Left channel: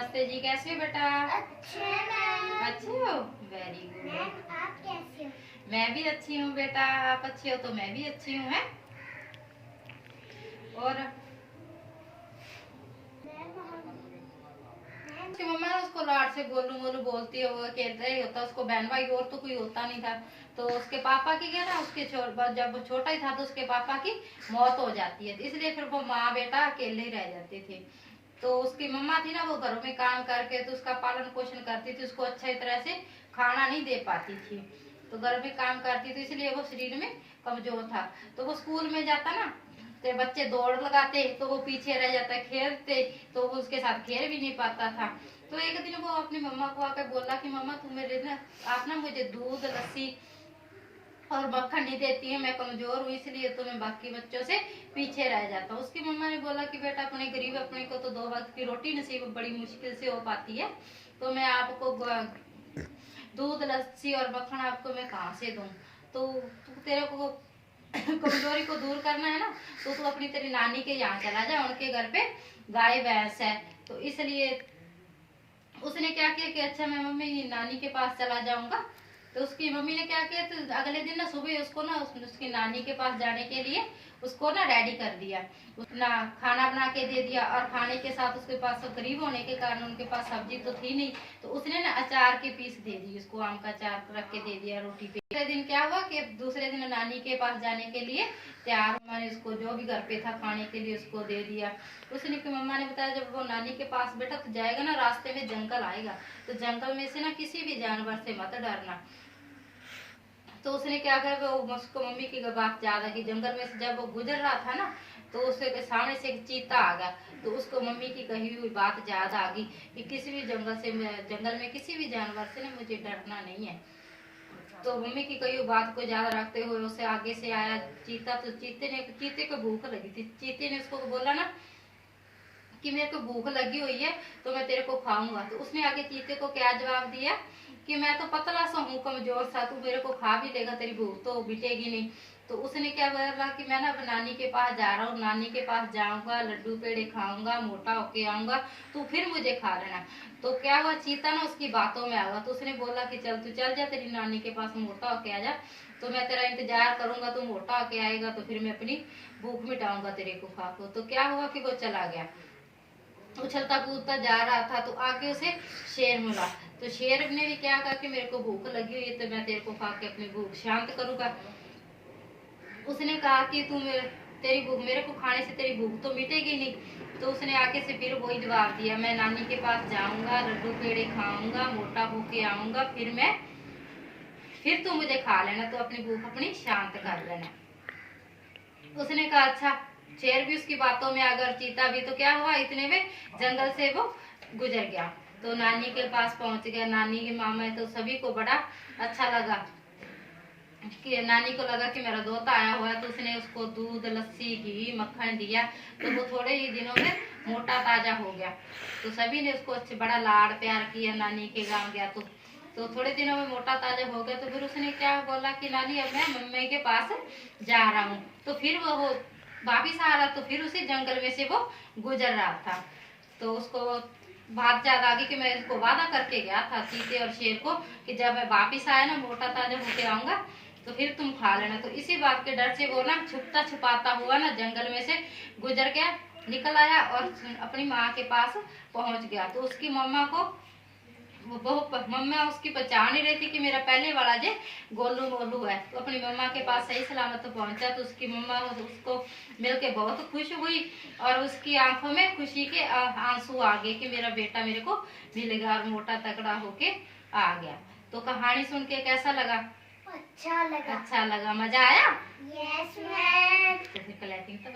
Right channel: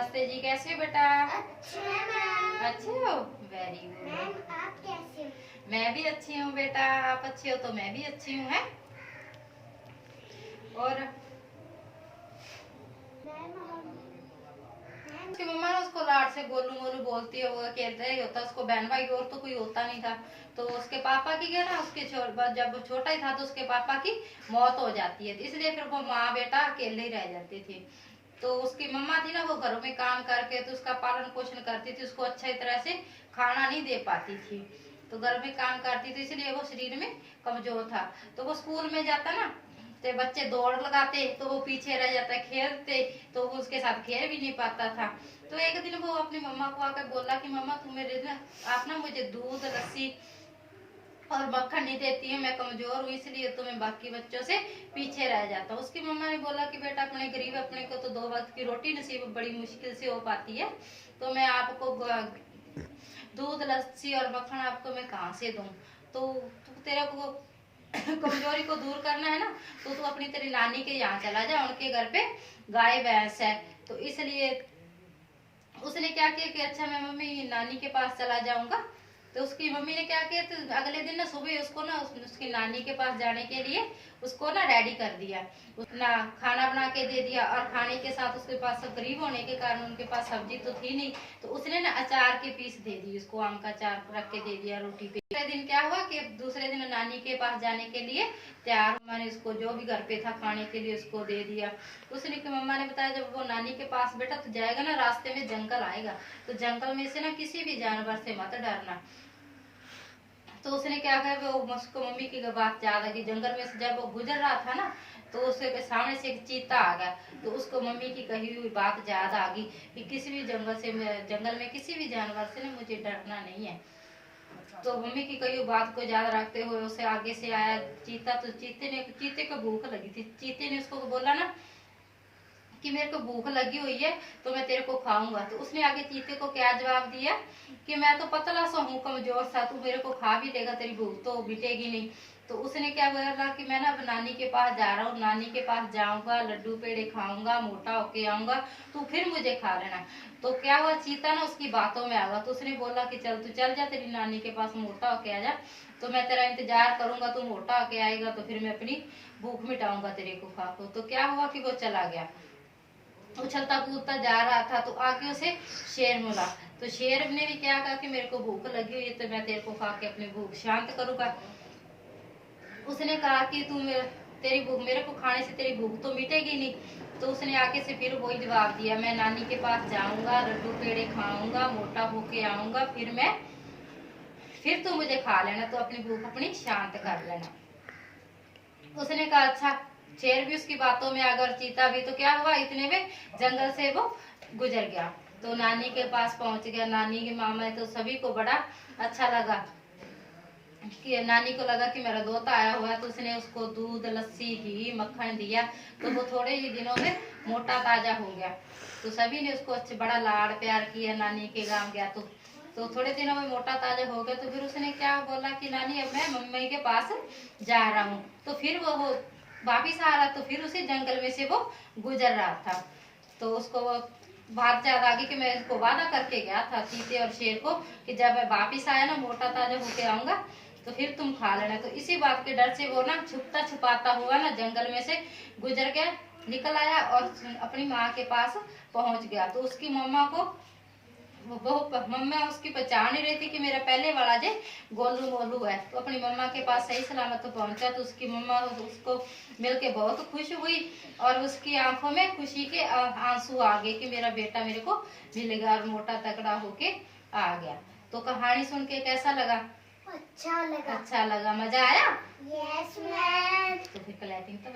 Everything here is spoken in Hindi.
नमस्ते जी, कैसे हो बेटा? अच्छे हो? Very ma'am good. आप कैसे हो? मैं भी अच्छी हूँ बेटा, आप अच्छे हो तो मैं भी अच्छी हूँ। है और मैम उसकी मम्मा ने उसको लाड से गोलू मोलू बोलती है, वो कहते ही होता, उसको बहन भाई और तो कोई होता नहीं था। तो उसके पापा की क्या ना, उसके जब वो छोटा ही था तो उसके पापा की मौत हो जाती है, इसलिए फिर वो माँ बेटा अकेले ही रह जाते थे। तो उसकी मम्मा थी ना, वो घरों में काम करके तो उसका पालन पोषण करती थी, उसको अच्छी तरह से खाना नहीं दे पाती थी, तो घर में काम करती थी, इसलिए वो शरीर में कमजोर था। तो वो स्कूल में जाता ना, तो बच्चे दौड़ लगाते तो वो पीछे रह जाता, खेलते तो वो उसके साथ खेल भी नहीं पाता था। तो एक दिन वो अपनी मम्मा को आकर बोला कि मम्मा तुम मेरे ना, आप ना मुझे दूध लस्सी और मक्खन नहीं देती है, मैं कमजोर हूँ इसलिए तो मैं बाकी बच्चों से पीछे रह जाता हूँ। उसकी मम्मा ने बोला कि बेटा अपने गरीब अपने को तो 2 वक्त की रोटी नसीब बड़ी मुश्किल से हो पाती है, तो मैं आपको दूध लस्सी और मक्खन आपको मैं कहाँ से दूं? तो तेरे को कमजोरी को दूर करना है ना, तो तू अपनी तेरी नानी के यहाँ चला जा, उनके घर पे गाय भैंस है। तो इसलिए उसने क्या किया कि अच्छा मैं मम्मी नानी के पास चला जाऊंगा। तो उसकी मम्मी ने क्या किया, तो अगले दिन ना सुबह उसको ना उसकी नानी के पास जाने के लिए उसको ना रेडी कर दिया, उसना खाना बना के दे दिया, और खाने के साथ उसके पास सब गरीब होने के कारण उनके पास सब्जी तो थी नहीं, तो उसने ना अचार के पीस दे दी उसको, आम का अचार रख के दे दिया रोटी पे। दूसरे दिन क्या हुआ कि दूसरे दिन नानी के पास जाने के लिए तैयार, मैंने उसको जो भी घर पे था खाने के लिए उसको दे दिया। उसने की मम्मा ने बताया जब वो नानी के पास बेटा तो जाएगा ना, रास्ते में जंगल आएगा, तो जंगल में से ना किसी भी जानवर से मत डरना। तो उसने क्या कहा, वो उसको मम्मी की बात याद है कि जंगल में से जब वो गुजर रहा था ना, तो उसके सामने से एक चीता आ गया, तो उसको मम्मी की कही हुई बात याद आ गई कि किसी भी जंगल में किसी भी जानवर से ना मुझे डरना नहीं है। तो मम्मी की कही बात को याद रखते हुए उसे आगे से आया चीता, तो चीते को भूख लगी थी, चीते ने उसको बोला ना कि मेरे को भूख लगी हुई है तो मैं तेरे को खाऊंगा। तो उसने आगे चीते को क्या जवाब दिया कि मैं तो पतला सा हूँ, कमजोर सा, तू मेरे को खा भी लेगा, तेरी भूख तो मिटेगी नहीं। तो उसने क्या बोला कि मैं ना नानी के पास जा रहा हूँ, नानी के पास जाऊंगा, लड्डू पेड़े खाऊंगा, मोटा होके आऊंगा, तू फिर मुझे खा लेना। तो क्या हुआ, चीता ना उसकी बातों में आ गया, तो उसने बोला कि चल तू चल जा, तेरी नानी के पास मोटा होके आ जा, तो मैं तेरा इंतजार करूंगा, तू मोटा होके आएगा तो फिर मैं अपनी भूख मिटाऊंगा तेरे को खा को। तो क्या हुआ कि वो चला गया, उछलता कूदता जा रहा था, तो आगे उसे शेर मिला। तो शेर ने भी क्या कहा कि मेरे को भूख लगी हुई है तो मैं तेरे को खा के अपनी भूख शांत करूंगा। उसने कहा कि तेरी भूख, मेरे को खाने से तेरी भूख तो मिटेगी नहीं। तो उसने आगे से फिर वही जवाब दिया, मैं नानी के पास जाऊंगा, लड्डू पेड़े खाऊंगा, मोटा होके आऊंगा, फिर तू मुझे खा लेना, तो अपनी भूख अपनी शांत कर लेना। उसने कहा अच्छा। शेर भी उसकी बातों में अगर चीता भी, तो क्या हुआ इतने में जंगल से वो गुजर गया, तो नानी के पास पहुंच गया। नानी के मामा है तो सभी को बड़ा अच्छा लगा कि नानी को लगा कि मेरा दोता आया हुआ है, तो उसने उसको दूध लस्सी घी मक्खन दिया, तो वो थोड़े ही दिनों में मोटा ताजा हो गया। तो सभी ने उसको अच्छे बड़ा लाड़ प्यार किया, नानी के गांव गया तो थोड़े दिनों में मोटा ताजा हो गया। तो फिर उसने क्या बोला कि नानी अब मैं मम्मी के पास जा रहा हूँ, तो फिर वो वापिस आ रहा, तो फिर उसी जंगल में से वो गुजर रहा था। तो उसको वो बात याद आ गई कि मैं इसको वादा करके गया था चीते और शेर को कि जब मैं वापिस आया ना मोटा ताजा होके आऊंगा तो फिर तुम खा लेना। तो इसी बात के डर से वो ना छुपता छुपाता हुआ ना जंगल में से गुजर गया, निकल आया और अपनी माँ के पास पहुंच गया। तो उसकी मम्मा को वो मम्मा उसकी पहचान ही रही थी कि मेरा पहले वाला जे गोलू मोलू है। तो अपनी मम्मा के पास सही सलामत तो पहुंचा, तो उसकी मम्मा उसको मिलके बहुत खुश हुई, और उसकी आंखों में खुशी के आंसू आ गए कि मेरा बेटा मेरे को मिल गया और मोटा तगड़ा होके आ गया। तो कहानी सुन के कैसा लगा? अच्छा लगा। अच्छा लगा, मजा आया? Yes ma'am. तो फिर क्लैपिंग तो